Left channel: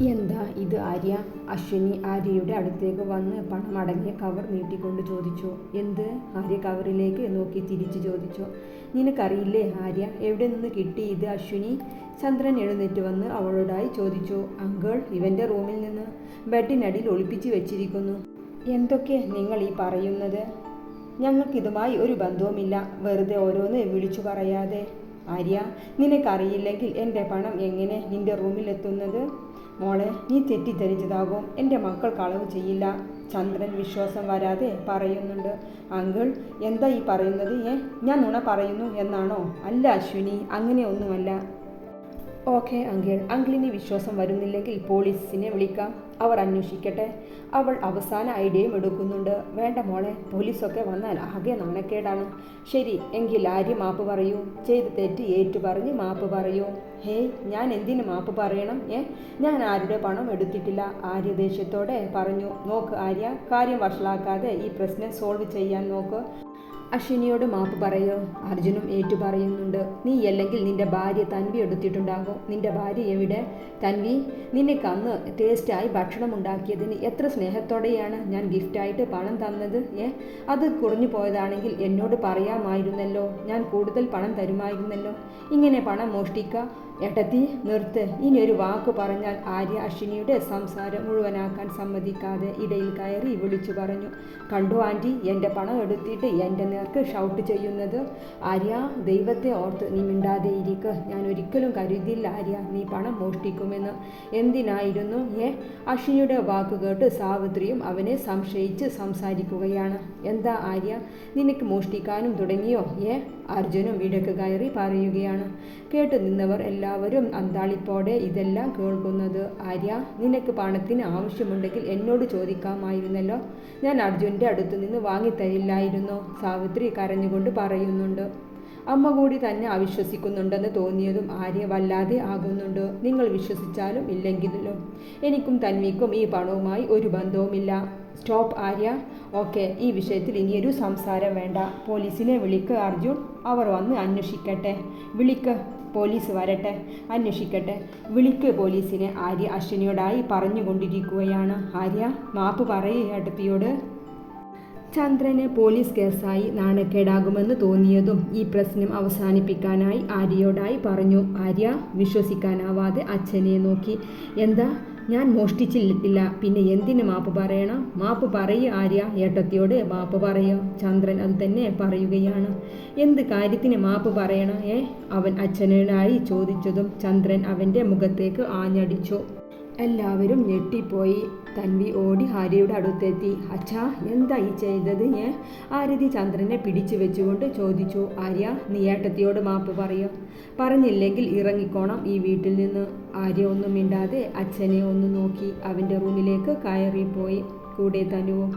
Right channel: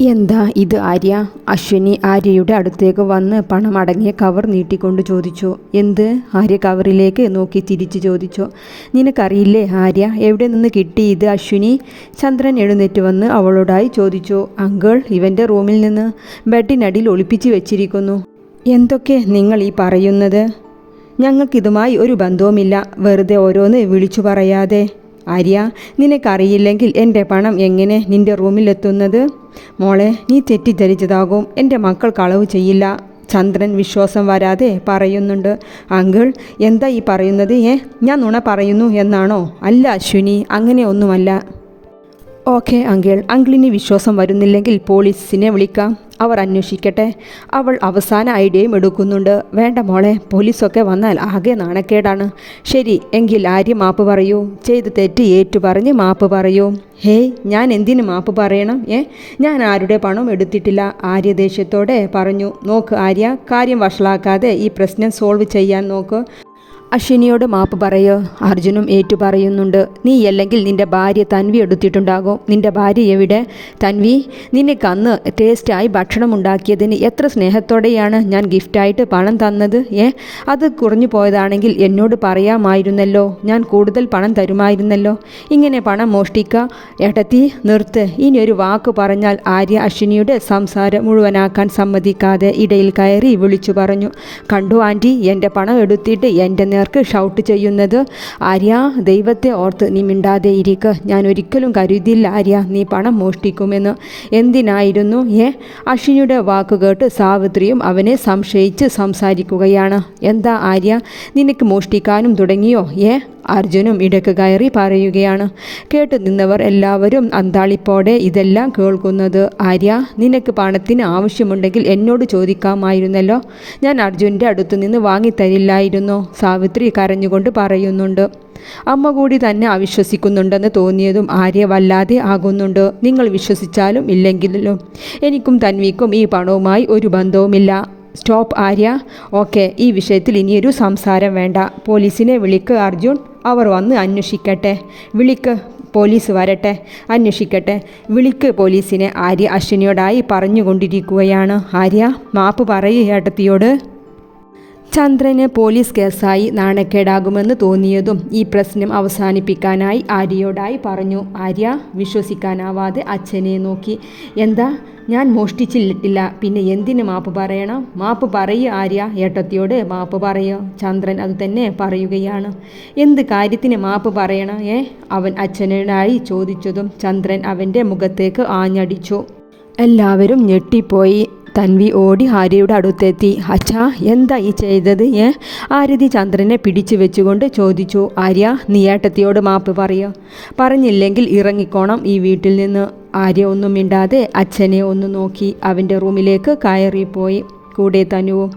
എന്താ ഇത് ആര്യ? അശ്വിനി ആര്യയുടെ അടുത്തേക്ക് വന്ന് പണം അടങ്ങിയ കവർ നീട്ടിക്കൊണ്ട് ചോദിച്ചു. എന്ത്? ആര്യ കവറിലേക്ക് നോക്കി തിരിച്ചു ചോദിച്ചു. നിനക്കറിയില്ലേ ആര്യ, എവിടെ നിന്ന് കിട്ടി ഇത് അശ്വിനി? ചന്ദ്രൻ എഴുന്നേറ്റ് വന്ന് അവളോടായി ചോദിച്ചു. അങ്കിൾ, ഇവൻ്റെ റൂമിൽ നിന്ന് ബെഡിനടിയിൽ ഒളിപ്പിച്ച് വെച്ചിരിക്കുന്നു. എന്തൊക്കെ നിങ്ങൾ ഈ പറയുന്നത്? ഞങ്ങൾക്കിതുമായി ഒരു ബന്ധവുമില്ല. വെറുതെ ഓരോന്ന് വിളിച്ചു പറയാതെ. ആര്യ, നിനക്കറിയില്ലെങ്കിൽ എൻ്റെ പണം എങ്ങനെ നിൻ്റെ റൂമിലെത്തുന്നത്? മോളെ, നീ തെറ്റിദ്ധരിച്ചതാകും. എൻ്റെ മക്കൾ കളവ് ചെയ്യില്ല. ചന്ദ്രൻ വിശ്വാസം വരാതെ പറയുന്നുണ്ട്. അങ്കിൾ, എന്താ ഈ പറയുന്നത്? ഞാൻ നുണ പറയുന്നു എന്നാണോ? അല്ല അശ്വിനി, അങ്ങനെ ഒന്നുമല്ല. ഓക്കെ അങ്കിൾ, അങ്കിളിന് വിശ്വാസം വരുന്നില്ലെങ്കിൽ പോലീസിനെ വിളിക്കാം, അവർ അന്വേഷിക്കട്ടെ. അവൾ അവസാന ഐഡിയയും എടുക്കുന്നുണ്ട്. വേണ്ട മോളെ, പോലീസൊക്കെ വന്നാൽ ആകെ നാണക്കേടാണ്. ശരി എങ്കിൽ ആര്യ മാപ്പ് പറയൂ. ചെയ്ത് തെറ്റ് ഏറ്റുപറഞ്ഞ് മാപ്പ് പറയൂ. ഹേയ്, ഞാൻ എന്തിന് മാപ്പ് പറയണം? ഞാൻ ആരുടെ പണം എടുത്തിട്ടില്ല. ആര്യ ദേഷ്യത്തോടെ പറഞ്ഞു. നോക്ക് ആര്യ, കാര്യം വഷളാക്കാതെ ഈ പ്രശ്നം സോൾവ് ചെയ്യാൻ നോക്ക്. അശ്വിനിയോട് മാപ്പ് പറയോ? അർജുനും ഏറ്റു പറയുന്നുണ്ട്. നീ അല്ലെങ്കിൽ നിൻ്റെ ഭാര്യ തൻവി എടുത്തിട്ടുണ്ടാകും. നിൻ്റെ ഭാര്യ എവിടെ? തൻവി, നിനക്ക് അന്ന് ടേസ്റ്റായി ഭക്ഷണം ഉണ്ടാക്കിയതിന് എത്ര സ്നേഹത്തോടെയാണ് ഞാൻ ഗിഫ്റ്റായിട്ട് പണം തന്നത്. അത് കുറഞ്ഞു പോയതാണെങ്കിൽ എന്നോട് പറയാമായിരുന്നല്ലോ. ഞാൻ കൂടുതൽ പണം തരുമായിരുന്നല്ലോ. ഇങ്ങനെ പണം മോഷ്ടിക്കുക? ഏട്ടത്തി, നിർത്ത്. ഇനി ഒരു വാക്ക് പറഞ്ഞാൽ. ആര്യ അശ്വിനിയുടെ സംസാരം മുഴുവനാക്കാൻ സമ്മതിക്കാതെ ഇടയിൽ കയറി വിളിച്ചു പറഞ്ഞു. കണ്ടു ആൻറ്റി, എൻ്റെ പണം എടുത്തിട്ട് എൻ്റെ നേർക്ക് ഷൗട്ട് ചെയ്യുന്നത്. ആര്യ, ദൈവത്തെ ഓർത്ത് നീ മിണ്ടാതെ ഇരിക്കുക. ഞാൻ ഒരിക്കലും കരുതിയില്ല ആര്യ നീ പണം മോഷ്ടിക്കുമെന്ന്. എന്തിനായിരുന്നു? അശ്വിനിയുടെ വാക്ക് കേട്ട് സാവിത്രിയും അവനെ സംശയിച്ച് സംസാരിക്കുകയാണ്. എന്താ ആര്യ, നിനക്ക് മോഷ്ടിക്കാനും തുടങ്ങിയോ? അർജുനും ഇടയ്ക്ക് കയറി പറയുകയാണ്. കേട്ടു നിന്നവർ എല്ലാവരും അന്താളിപ്പോടെ ഇതെല്ലാം കേൾക്കുന്നത്. ആര്യ, നിനക്ക് പണത്തിന് ആവശ്യമുണ്ടെങ്കിൽ എന്നോട് ചോദിക്കാമായിരുന്നല്ലോ. ഞാൻ അർജുൻ്റെ അടുത്തു നിന്ന് വാങ്ങിത്തരില്ലായിരുന്നോ? സാവിത്രി കരഞ്ഞുകൊണ്ട് പറയുന്നുണ്ട്. അമ്മ കൂടി തന്നെ അവിശ്വസിക്കുന്നുണ്ടെന്ന് തോന്നിയതും ആര്യ വല്ലാതെ ആകുന്നുണ്ട്. നിങ്ങൾ വിശ്വസിച്ചാലും ഇല്ലെങ്കിലും എനിക്കും തൻവിക്കും ഈ പണവുമായി ഒരു ബന്ധവുമില്ല. സ്റ്റോപ്പ് ആര്യ. ഓക്കെ, ഈ വിഷയത്തിൽ ഇനിയൊരു സംസാരം വേണ്ട. പോലീസിനെ വിളിക്ക് അർജുൻ, അവർ വന്ന് അന്വേഷിക്കട്ടെ. വിളിക്ക്, പോലീസ് വരട്ടെ, അന്വേഷിക്കട്ടെ. വിളിക്ക് പോലീസിനെ. ആര്യ അശ്വിനിയോടായി പറഞ്ഞുകൊണ്ടിരിക്കുകയാണ്. ആര്യ, മാപ്പ് പറയൂ ഏട്ടത്തിയോട്. ചന്ദ്രന് പോലീസ് കേസായി നാണക്കേടാകുമെന്ന് തോന്നിയതും ഈ പ്രശ്നം അവസാനിപ്പിക്കാനായി ആര്യയോടായി പറഞ്ഞു. ആര്യ വിശ്വസിക്കാനാവാതെ അച്ഛനെ നോക്കി. എന്താ? ഞാൻ മോഷ്ടിച്ചിട്ടില്ല, പിന്നെ എന്തിന് മാപ്പ് പറയണം? മാപ്പ് പറയുക ആര്യ, ഏട്ടത്തിയോട് മാപ്പ് പറയോ? ചന്ദ്രൻ അതുതന്നെ പറയുകയാണ്. എന്ത് കാര്യത്തിന് മാപ്പ് പറയണം? അവൻ അച്ഛനോടായി ചോദിച്ചതും ചന്ദ്രൻ അവൻ്റെ മുഖത്തേക്ക് ആഞ്ഞടിച്ചു. എല്ലാവരും ഞെട്ടിപ്പോയി. തൻവി ഓടി ആര്യയുടെ അടുത്തെത്തി. അച്ഛാ, എന്താ ഈ ചെയ്തത്? ആരതി ചന്ദ്രനെ പിടിച്ചു വെച്ചുകൊണ്ട് ചോദിച്ചു. ആര്യ, നീ ഏട്ടത്തിയോട് മാപ്പ് പറയോ? പറഞ്ഞില്ലെങ്കിൽ ഇറങ്ങിക്കോണം ഈ വീട്ടിൽ നിന്ന്. ആര്യ ഒന്നും മിണ്ടാതെ അച്ഛനെ ഒന്ന് നോക്കി അവൻ്റെ റൂമിലേക്ക് കയറിപ്പോയി. കൂടെ തനുവും.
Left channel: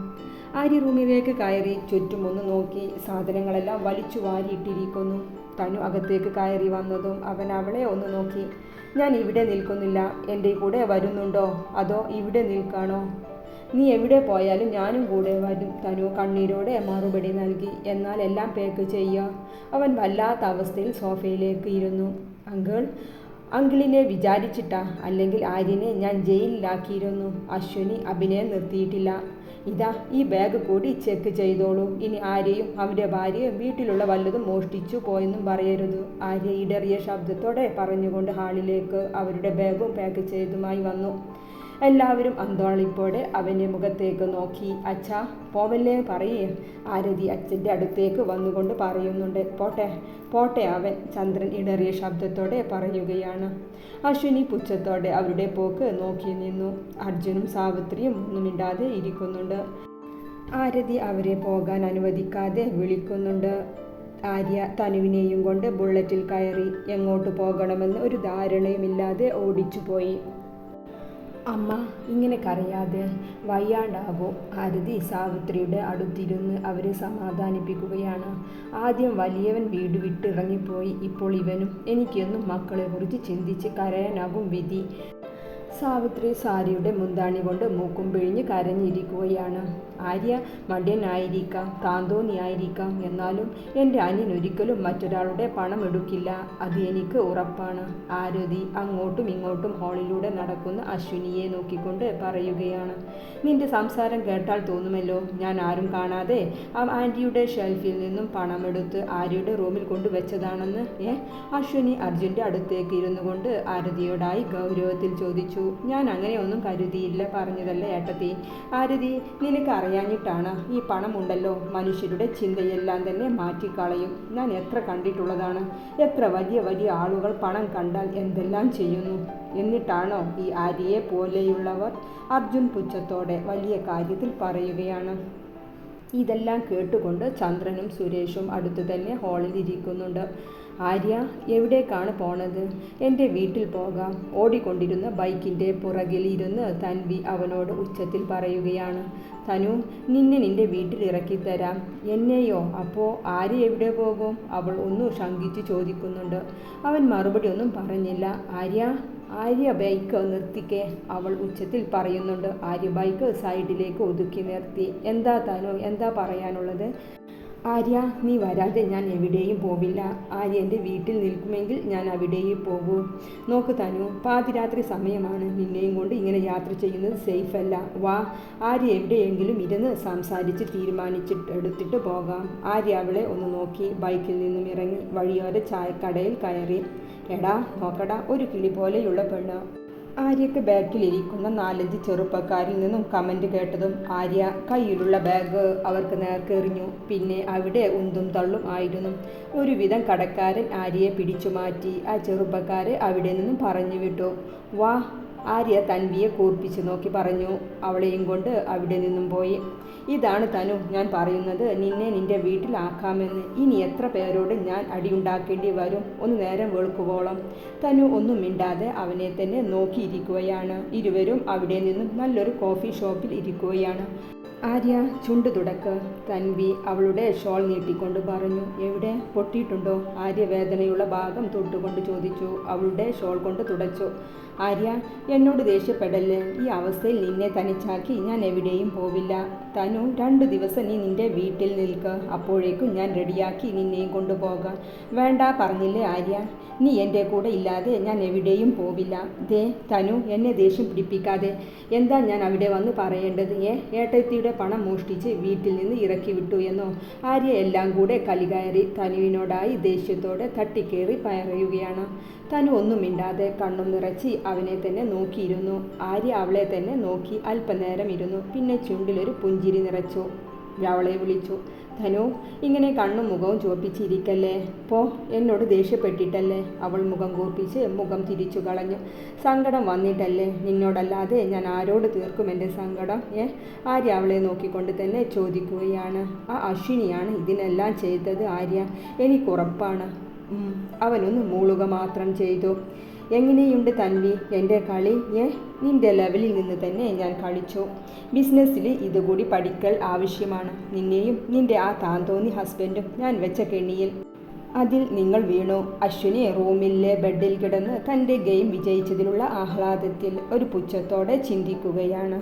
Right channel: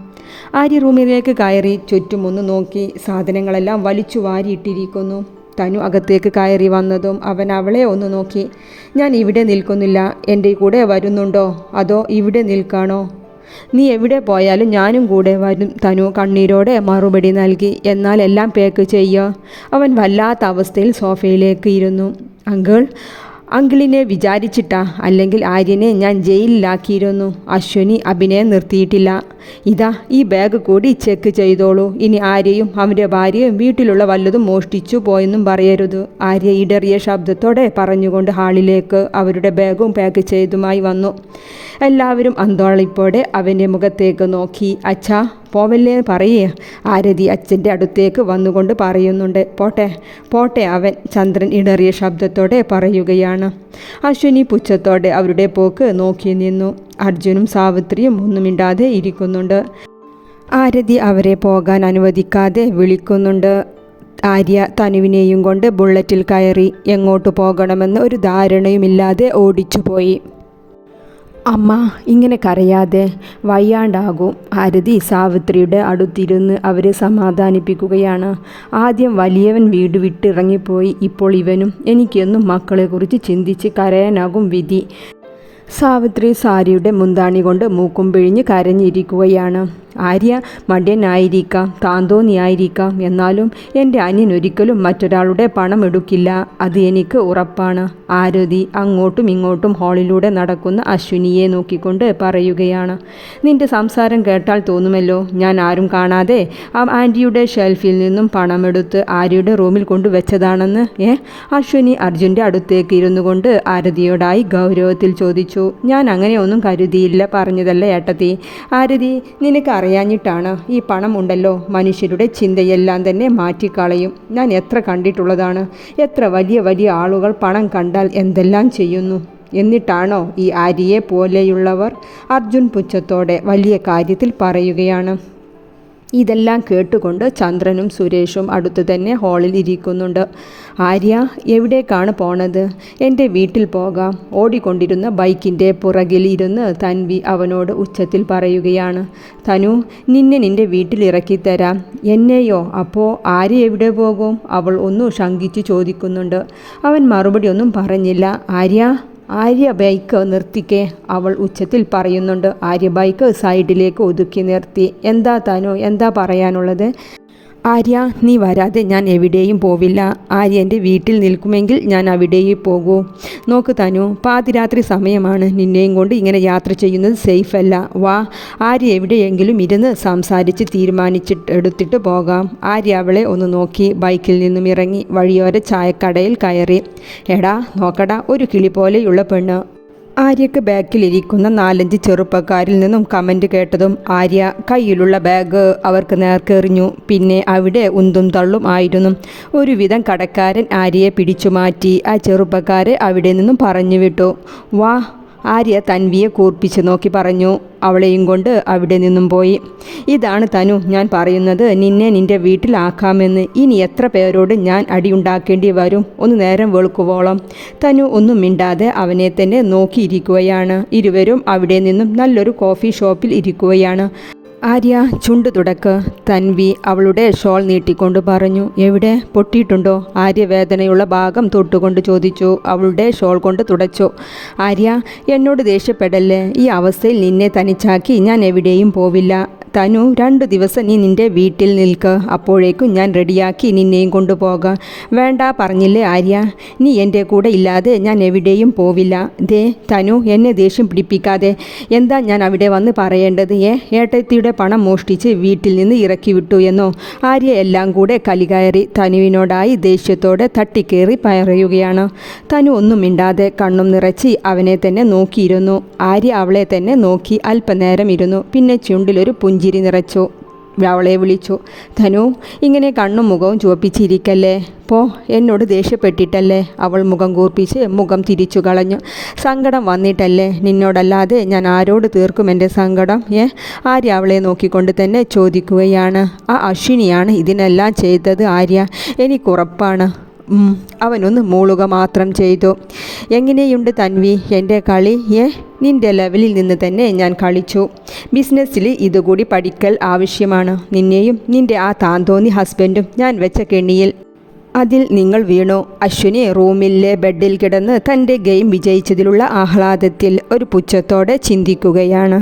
ആര്യ റൂമിലേക്ക് കയറി ചുറ്റും ഒന്ന് നോക്കി. സാധനങ്ങളെല്ലാം വലിച്ചു വാരിയിട്ടിരിക്കുന്നു. തനു അകത്തേക്ക് കയറി വന്നതും അവൻ അവളെ ഒന്ന് നോക്കി. ഞാൻ ഇവിടെ നിൽക്കുന്നില്ല, എൻ്റെ കൂടെ വരുന്നുണ്ടോ അതോ ഇവിടെ നിൽക്കാണോ? നീ എവിടെ പോയാലും ഞാനും കൂടെ വരും. തനു കണ്ണീരോടെ മറുപടി നൽകി. എന്നാൽ എല്ലാം പാക്ക് ചെയ്യുക. അവൻ വല്ലാത്ത അവസ്ഥയിൽ സോഫയിലേക്ക് ഇരുന്നു. അങ്കിളിനെ വിചാരിച്ചിട്ടാ, അല്ലെങ്കിൽ ആര്യനെ ഞാൻ ജയിലിലാക്കിയിരുന്നു. അശ്വിനി അഭിനയം നിർത്തിയിട്ടില്ല. ഇതാ, ഈ ബാഗ് കൂടി ചെക്ക് ചെയ്തോളൂ. ഇനി ആര്യയും അവൻ്റെ ഭാര്യയും വീട്ടിലുള്ള വല്ലതും മോഷ്ടിച്ചു പോയെന്നും പറയരുത്. ആര്യ ഇടറിയ ശബ്ദത്തോടെ പറഞ്ഞുകൊണ്ട് ഹാളിലേക്ക് അവരുടെ ബാഗും പാക്ക് ചെയ്തുമായി വന്നു. എല്ലാവരും അന്തോളിപ്പോടെ അവൻ്റെ മുഖത്തേക്ക് നോക്കി. അച്ഛാ, പോവല്ലേ പറയേ. ആരതി അച്ഛൻ്റെ അടുത്തേക്ക് വന്നുകൊണ്ട് പറയുന്നുണ്ട്. പോട്ടെ പോട്ടെ അവൻ, ചന്ദ്രൻ ഇടറിയ ശബ്ദത്തോടെ പറയുകയാണ്. അശ്വിനി പുച്ഛത്തോടെ അവരുടെ പോക്ക് നോക്കി നിന്നു. അർജുനും സാവിത്രിയും ഒന്നും മിണ്ടാതെ ഇരിക്കുന്നുണ്ട്. ആരതി അവരെ പോകാൻ അനുവദിക്കാതെ വിളിക്കുന്നുണ്ട്. ആര്യ തനുവിനെയും കൊണ്ട് ബുള്ളറ്റിൽ കയറി എങ്ങോട്ട് പോകണമെന്ന് ഒരു ധാരണയുമില്ലാതെ ഓടിച്ചുപോയി. അമ്മ, ഇങ്ങനെ കരയാതെ, വയ്യാണ്ടാകും. ആരതി സാവിത്രിയുടെ അടുത്തിരുന്ന് അവരെ സമാധാനിപ്പിക്കുകയാണ്. ആദ്യം വലിയവൻ വീട് വിട്ടിറങ്ങിപ്പോയി, ഇപ്പോൾ ഇവനും. എനിക്കെന്നും മക്കളെക്കുറിച്ച് ചിന്തിച്ച് കരയാനാകും വിധി. സാവിത്രി സാരിയുടെ മുന്താണി കൊണ്ട് മൂക്കും പിഴിഞ്ഞ് കരഞ്ഞിരിക്കുകയാണ്. ആര്യ മടിയനായിരിക്കാം, താന്തോന്നിയായിരിക്കാം, എന്നാലും എൻ്റെ അനിയൻ ഒരിക്കലും മറ്റൊരാളുടെ പണം എടുക്കില്ല, അത് എനിക്ക് ഉറപ്പാണ്. ആരതി അങ്ങോട്ടും ഇങ്ങോട്ടും ഹാളിലൂടെ നടക്കുന്ന അശ്വിനിയെ നോക്കിക്കൊണ്ട് പറയുകയാണ്. നിന്റെ സംസാരം കേട്ടാൽ തോന്നുമല്ലോ ഞാൻ ആരും കാണാതെ ആ ആൻറ്റിയുടെ ഷെൽഫിൽ നിന്നും പണമെടുത്ത് ആര്യയുടെ റൂമിൽ കൊണ്ടുവച്ചതാണെന്ന്. അശ്വിനി അർജുൻ്റെ അടുത്തേക്ക് ഇരുന്നു കൊണ്ട് ആരതിയോടായി ഗൗരവത്തിൽ ചോദിച്ചു. ഞാൻ അങ്ങനെ ഒന്നും കരുതിയില്ല, പറഞ്ഞതല്ല ഏട്ടത്തി. ആരതി, നിനക്ക് അറിയാഞ്ഞിട്ടാണ്. ഈ പണമുണ്ടല്ലോ മനുഷ്യരുടെ ചിന്തയെല്ലാം തന്നെ മാറ്റിക്കളയും. ഞാൻ എത്ര കണ്ടിട്ടുള്ളതാണ്. എത്ര വലിയ വലിയ ആളുകൾ പണം കണ്ടാൽ എന്തെല്ലാം ചെയ്യുന്നു. എന്നിട്ടാണോ ഈ ആര്യയെ പോലെയുള്ളവർ? അർജുൻ പുച്ഛത്തോടെ വലിയ കാര്യത്തിൽ പറയുകയാണ്. ഇതെല്ലാം കേട്ടുകൊണ്ട് ചന്ദ്രനും സുരേഷും അടുത്തു തന്നെ ഹാളിൽ ഇരിക്കുന്നുണ്ട്. ആര്യ, എവിടേക്കാണ് പോണത്? എൻ്റെ വീട്ടിൽ പോകാം. ഓടിക്കൊണ്ടിരുന്ന ബൈക്കിൻ്റെ പുറകിൽ ഇരുന്ന് തൻവി അവനോട് ഉച്ചത്തിൽ പറയുകയാണ്. തനു, നിന്റെ വീട്ടിൽ ഇറക്കിത്തരാം. എന്നെയോ? അപ്പോൾ ആര്യ എവിടെ പോകും? അവൾ ഒന്ന് ശങ്കിച്ച് ചോദിക്കുന്നുണ്ട്. അവൻ മറുപടി ഒന്നും പറഞ്ഞില്ല. ആര്യ ബൈക്ക് നിർത്തിക്കേ, അവൾ ഉച്ചത്തിൽ പറയുന്നുണ്ട്. ആര്യ ബൈക്ക് സൈഡിലേക്ക് ഒതുക്കി നിർത്തി. എന്താ തനു, എന്താ പറയാനുള്ളത്? ആര്യ, നീ വരാതെ ഞാൻ എവിടെയും പോവില്ല. ആര്യ എൻ്റെ വീട്ടിൽ നിൽക്കുമെങ്കിൽ ഞാൻ അവിടെയും പോകൂ. നോക്ക് തനു, പാതിരാത്രി സമയമാണ്. നിന്നെയും കൊണ്ട് ഇങ്ങനെ യാത്ര ചെയ്യുന്നത് സേഫ് അല്ല. വാ, ആര്യ എവിടെയെങ്കിലും ഇരുന്ന് സംസാരിച്ച് തീരുമാനിച്ചിട്ടെടുത്തിട്ട് പോകാം. ആര്യ അവളെ ഒന്ന് നോക്കി ബൈക്കിൽ നിന്നും ഇറങ്ങി വഴിയോര ചായക്കടയിൽ കയറി. എടാ നോക്കടാ, ഒരു കിളി പോലെയുള്ള പെണ്ണ്. ആര്യക്ക് ബാക്കിലിരിക്കുന്ന 4-5 ചെറുപ്പക്കാരിൽ നിന്നും കമൻറ്റ് കേട്ടതും ആര്യ കയ്യിലുള്ള ബാഗ് അവർക്ക് നേർക്കെറിഞ്ഞു. പിന്നെ അവിടെ ഉന്തും തള്ളും ആയിരുന്നു. ഒരുവിധം കടക്കാരൻ ആര്യയെ പിടിച്ചു മാറ്റി. ആ ചെറുപ്പക്കാരെ അവിടെ നിന്നും പറഞ്ഞു വിട്ടു. വാ, ആര്യ തൻവിയെ കൂർപ്പിച്ച് നോക്കി പറഞ്ഞു. അവളെയും കൊണ്ട് അവിടെ നിന്നും പോയി. ഇതാണ് തനു ഞാൻ പറയുന്നത്, നിന്റെ വീട്ടിലാക്കാമെന്ന്. ഇനി എത്ര പേരോട് ഞാൻ അടിയുണ്ടാക്കേണ്ടി വരും? ഒന്ന് നേരം വെളുക്കുവോളം. തനു ഒന്നും മിണ്ടാതെ അവനെ തന്നെ നോക്കിയിരിക്കുകയാണ്. ഇരുവരും അവിടെ നിന്നും നല്ലൊരു കോഫി ഷോപ്പിൽ ഇരിക്കുകയാണ്. ആര്യ ചുണ്ട് തുടക്ക്. തൻവി അവളുടെ ഷോൾ നീട്ടിക്കൊണ്ട് പറഞ്ഞു. എവിടെ പൊട്ടിയിട്ടുണ്ടോ? ആര്യ വേദനയുള്ള ഭാഗം തൊട്ടുകൊണ്ട് ചോദിച്ചു. അവളുടെ ഷോൾ കൊണ്ട് തുടച്ചു. ആര്യ, എന്നോട് ദേഷ്യപ്പെടല്ലേ. ഈ അവസ്ഥയിൽ നിന്നെ തനിച്ചാക്കി ഞാൻ എവിടെയും പോവില്ല. തനു, 2 ദിവസം നീ നിൻ്റെ വീട്ടിൽ നിൽക്ക്. അപ്പോഴേക്കും ഞാൻ റെഡിയാക്കി നിന്നെയും കൊണ്ടുപോകാം. വേണ്ട പറഞ്ഞില്ലേ ആര്യ, നീ എൻ്റെ കൂടെ ഇല്ലാതെ ഞാൻ എവിടെയും പോവില്ല. ദേ തനു, എന്നെ ദേഷ്യം പിടിപ്പിക്കാതെ. എന്താ ഞാൻ അവിടെ വന്ന് പറയേണ്ടത്? ഏട്ടത്തിയുടെ പണം മോഷ്ടിച്ച് വീട്ടിൽ നിന്ന് ഇറക്കി വിട്ടു എന്നോ? ആര്യ എല്ലാം കൂടെ കലികയറി തനുവിനോടായി ദേഷ്യത്തോടെ തട്ടിക്കേറി പറയുകയാണ്. തനു ഒന്നും മിണ്ടാതെ കണ്ണും നിറച്ച് അവനെ തന്നെ നോക്കിയിരുന്നു. ആര്യ അവളെ തന്നെ നോക്കി അല്പനേരം ഇരുന്നു. പിന്നെ ചുണ്ടിലൊരു പുഞ്ചിരി നിറച്ചു. അവളെ വിളിച്ചു. ധനു, ഇങ്ങനെ കണ്ണും മുഖവും ചുവപ്പിച്ചിരിക്കല്ലേ. പോ, എന്നോട് ദേഷ്യപ്പെട്ടിട്ടല്ലേ. അവൾ മുഖം കൂർപ്പിച്ച് മുഖം തിരിച്ചു കളഞ്ഞു. സങ്കടം വന്നിട്ടല്ലേ. നിന്നോടല്ലാതെ ഞാൻ ആരോട് തീർക്കും എൻ്റെ സങ്കടം? ആര്യ അവളെ നോക്കിക്കൊണ്ട് തന്നെ ചോദിക്കുകയാണ്. ആ അശ്വിനിയാണ് ഇതിനെല്ലാം ചെയ്തത് ആര്യ, എനിക്കുറപ്പാണ്. അവനൊന്ന് മൂളുക മാത്രം ചെയ്തു. എങ്ങനെയുണ്ട് തൻവി എൻ്റെ കളി? നിൻ്റെ ലെവലിൽ നിന്ന് തന്നെ ഞാൻ കളിച്ചു. ബിസിനസ്സിൽ ഇതുകൂടി പഠിക്കൽ ആവശ്യമാണ്. നിന്നെയും നിൻ്റെ ആ താന്തോന്നി ഹസ്ബൻഡും ഞാൻ വെച്ച കെണിയിൽ അതിൽ നിങ്ങൾ വീണു. അശ്വിനി റൂമിലെ ബെഡിൽ കിടന്ന് തൻ്റെ ഗെയിം വിജയിച്ചതിലുള്ള ആഹ്ലാദത്തിൽ ഒരു പുച്ഛത്തോടെ ചിന്തിക്കുകയാണ്.